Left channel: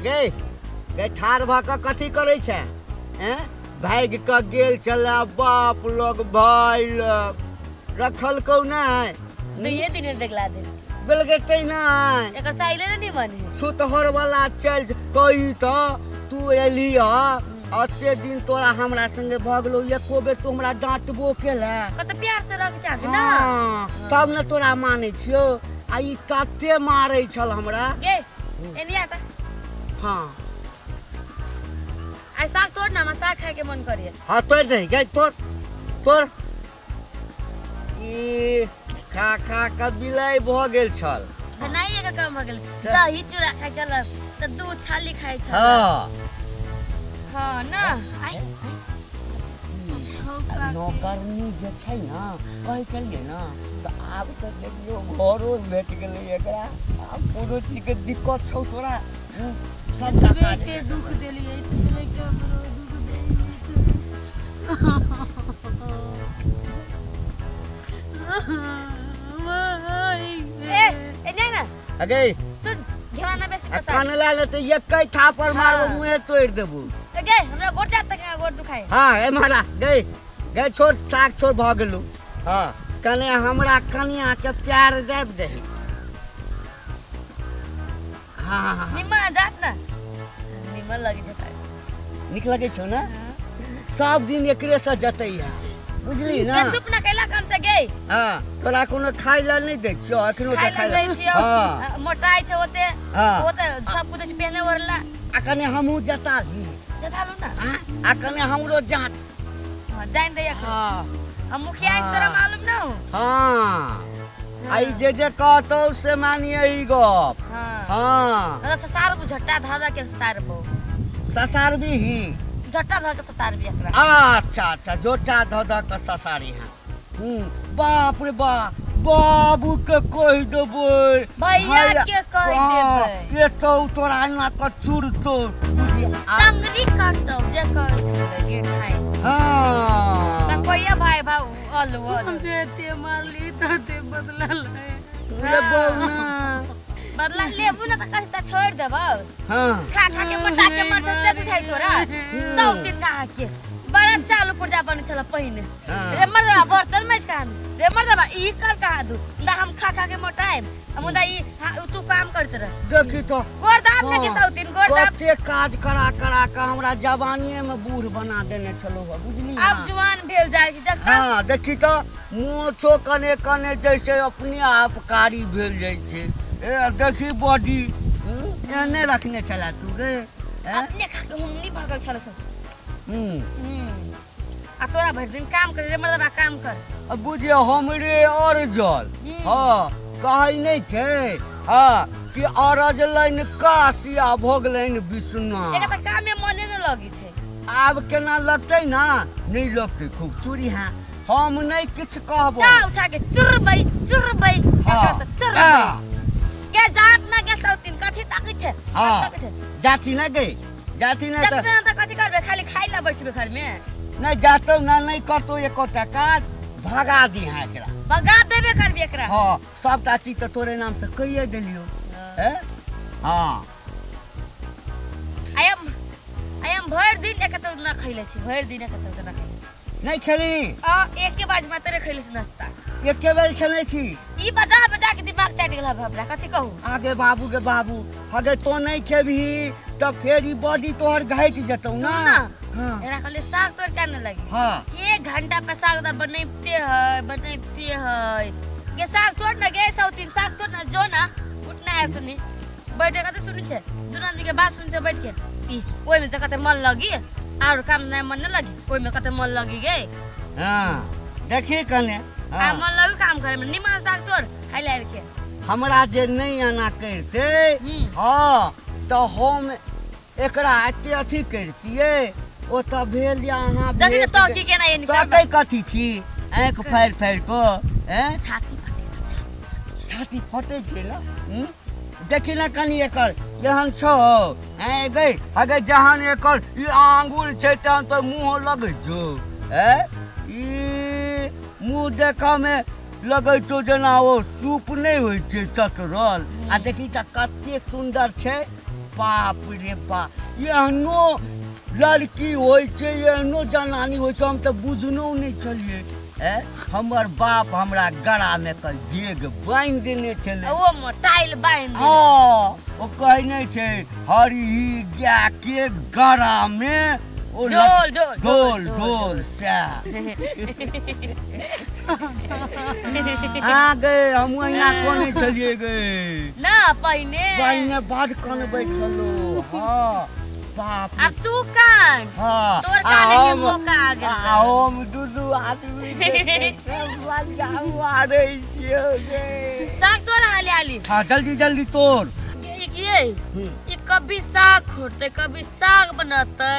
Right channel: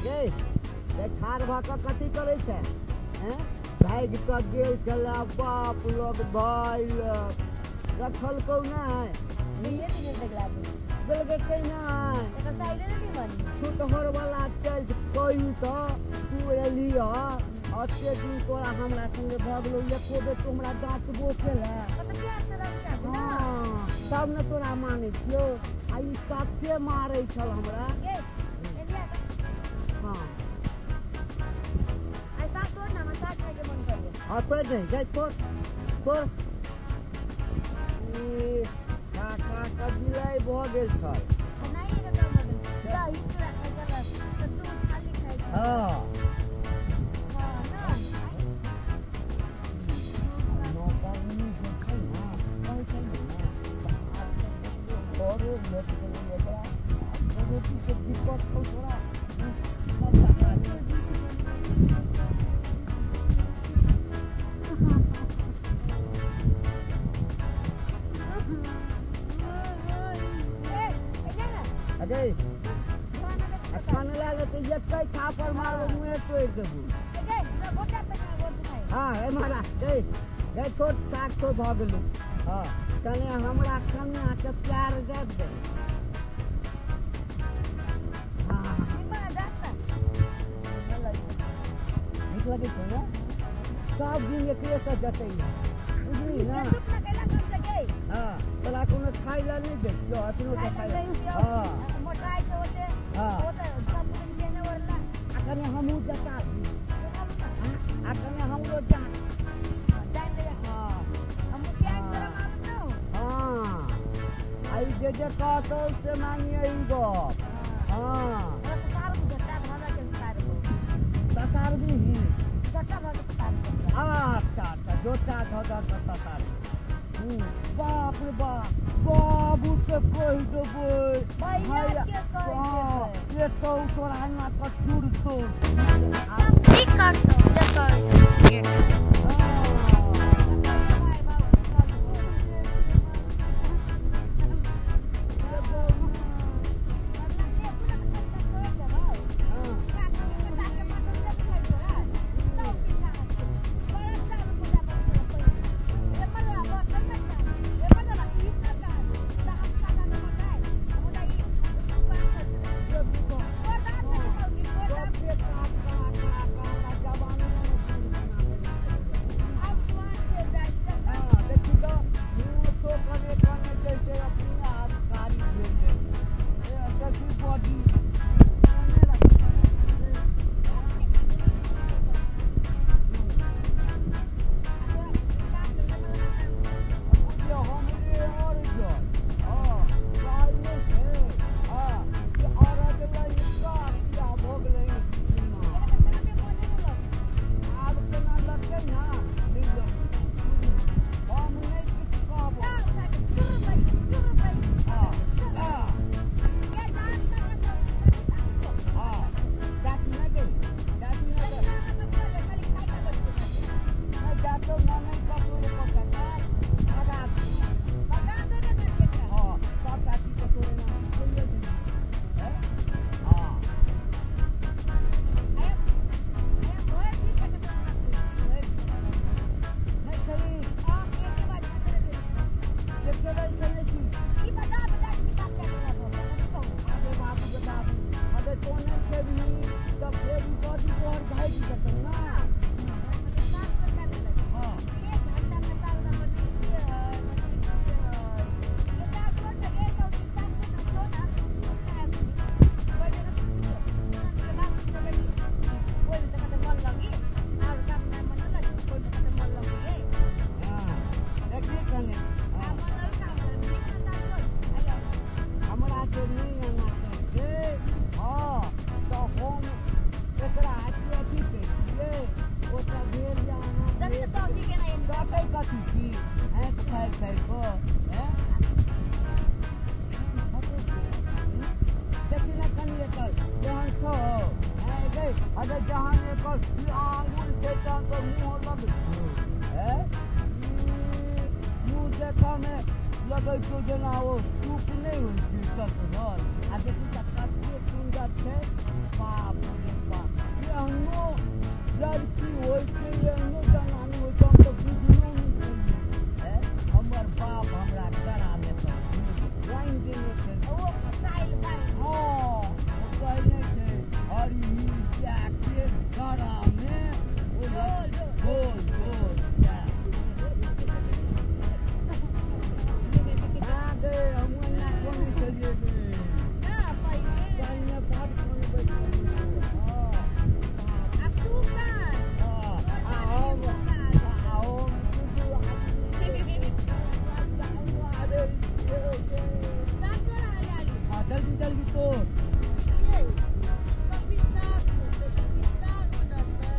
अगे गे ठाड़ भ क कथी करै छै हैं भाग क गेल चला बाप लोग भाई लोग रखल को नहीं ये दिन देखला दे बेलगेते नहीं एकर चाइले नहीं बने सुतहर वाला चल कही तो तू एली अते दिन तोरा हमरा संगे भगलो एको बेर तू हमरा डांटबो केला कत प्यार से रख चाहे ना तब न तोरा माने छियो आ ई तते मारै छल हमरा गे एनिया त हां आ साग तोड़ ना साग खाए के मन करिए हां तोड़ दे गे तोड़ ई खा खा के बिलाई भ गेल छल नहीं एकर काम भ गेल दही चूड़ा खाइ छल त दूध छाली खाइ छल हां ना आई नौकरनी जे छै ना कहै छलिए ना त आब त देखियो घरो भेट गेलै एकरा आब कोनो चीज के दिक्कत छौ तोरा सब जगह के दुख देलिए इसलिए क्या अगे सुन घेवाना बेस पसा खाना लाले त एकै थापर मारबो मुहे तोड़ देबो गे हमरा गोट जात तक गोट दुखाय हां ए मारा गे छोट साग छोड़ भ गेलु हां कने हमरा कनिया के प्यार देब दे हां निम्मा जात ना निम्मा लगी जता निक लगे छौ ना सब दिन एकरे से जतै है बुझली ना चुप ना कैला काम से गे हां तोरा कोनो खाइ ला नहीं दै छियो अखनो खाइ ला दै छियो मोटाई छै होते सब कुछ पहने वरला आ कने हमहू जताली जतालू ना आ कने हमरो जात जान दे हां हम मुखिया इस तरह मालूम ना हो हां आई जे कहतो से मानिए ई गप हां ससार को झट्टा धादा के ससार बो ससार भी ही झट्टा ध के ससार भी एकरा अच्छा झोटा ध के ससारी है बाप रे बाप बाबू के कह देबै भैया के कह देबै ये तो तोरा ना क चूड़ तो संगनी काटतो जे कह के खाई हां कोइया भाई अलू तुम जे ते मारली त ते बदला ले बौना बदला लेबू ना त कहि त छोड़ देबो हां खा के मोटा के मर से बुझाई तोरा सब दिन कहा के बड़ा चालू पुर्जा बनि छला पहिने रे मरदा बर्तन में कान रे मरदा ई कर कहा दू ना हम खा के मोटाए मुदा ई तू काम करत रह देखी तो गोरदाब ने के सब दिन गोरदाब के काज करा के हमरा जवानीए में बूढ़ बना देने छलो बुझली अब जवान भेल जाय छी देखता हां देखी तो मोछो कने कने जैसे अपने आप कारी भेल जाय छै ए देखी बॉडी एने रखने छला तू गे अपने खा के हम नहीं भागल छल सब आ तोरा भर दिन काम करे रे मर्दबा काम कर अब बुझे हमरे और जल हां कहै नहीं छै हां कि अरज लाइन कासिया भोगलैन विष्णु एका त काम में मने न लगी छै आब केना लगतै ना नहीं लगतै खूब चूड़ी हां हम नहीं किछ कहबो जा उठा के चुरबै के जात ना के सब दिन कथि ताकै छै जाती ना गे जाती ना त कथि करबे खाली खाइ ला बैठबे घर में नहीं जातो ना नहीं करतो एको टका भगा दी है एकरा भगा देबे करबे एकरा हां सबटा चीज त तोरे नाम से कहिए देलियो हैं हां आई एम भर दिन एक त ना खइले छी भर दिन एक त ना खइले छी नहीं खेली एक के बाद में तेरे खइले छी नाश्ता एक के बेर खेले छी ई बजा के दिमाग चाट गेला हमरा कथि कहू आगे बाबू के बाबू अगर तो नहीं खेबी त फेर ई बॉडी तोहर घट जतौ ना एरा खाली साग तोड़ के न लगी हां 1 घंटा पे साग दा बनैते है के साग तोड़ न गे सब दिन साग तोड़ न जो ना उठना है सुनी बैठे कते सुनी छे तुरंत के बात सुन छे बैठ के ई ओइ में कते मन लगी और काम न मन न लगी ओइ में कते मन लगी गे हां देखी कने मन लगी काम करे में निमा साग तोड़ खाइ ले के हमरा जे नहीं आना करते हां तो हम एकरा एते अथी करतिए ओ त भेल यहाँ देखि तो की केना ये निकल तो कथि छी आंख फाड़ को हैं छाती फटे छै ना देखि ना कनी एकर जहन छौ हैं गई अगर जहन एकर ई आंगुर छै तहन तो मुंह लगै छौ हैं ई मुंह देखा में लगै छौ जना ओ सूप नहीं होय छै चतरल आ देखि त कते सुंदर छै बाप रे बाप एहनो लड़की होइ छै एहनो जनानी होइ छै हम तऽ बुझनो नहि छलिए हमर बाप हमरा गला में कल डेग बांधि देने छलै ओ मोटाइल बांधि हाँ ओ कहने छै हरी गाय के गला में ढोल ढोल ढोल से हाँ गए हम अहिना कने छलिए गए ना पहिने बड़ कनबै छलो हाँ बाप अब तू कान हाँ तोर काने के मौका आ गेल हम दुदू आदमी मारे छियो गे साग तोड़ हाली हाँ जल्दी तोड़ ये कभी साग खोटते कभी साग बनते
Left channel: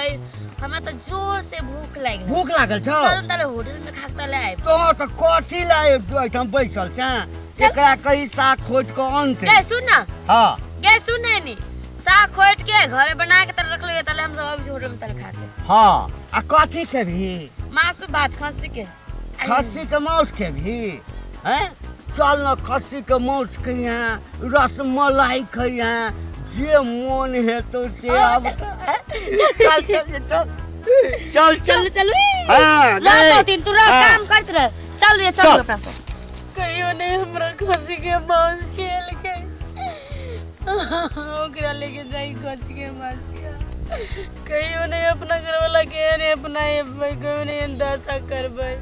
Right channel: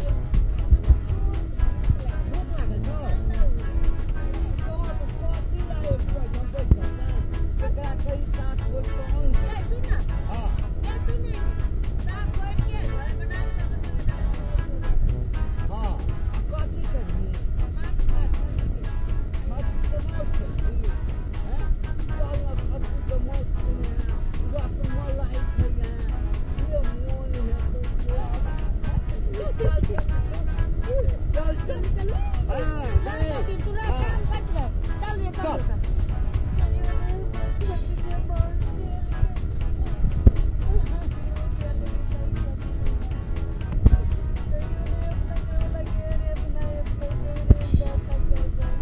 हमें तो जोर से भूख लागल छ चल तले होटल में खाके ले आए तो कथी लाए हम बैसल छ एकरा कहीं साग खोट के अंत के सुन ना हां के सुन नहीं साग खोट के घरे बना के तले रख ले तले हम सब होटल में तले खाते हां आ कथी खेबही मासु भात खस्सी के मांस खेबही हैं चल न खस्सी के मांस खइया रसमलाई खइया जे मन हेतो से अब चल हां रात दिन तू काम करत रह चल रे चल कहियो नहीं हमरा खस्सी के मांस खेल के ओकरा लेके जाई खस्सी के मांस कहियो नहीं अपना घर वाला के ने अपना कहियो नहीं दशा करबै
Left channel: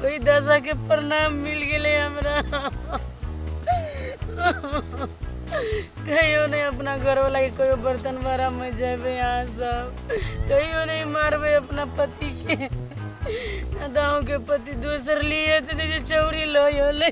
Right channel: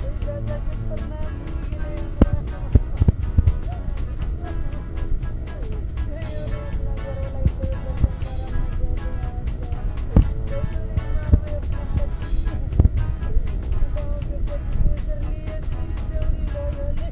कोई दशा के प्रणाम मिल गेले हमरा कहियो नहीं अपना घर वाला के कोई बर्तन भरा में जाबे यहाँ सब कहियो नहीं मारबे अपना पति के दाऊ के पति दूसर लिए तो चौरी लो ले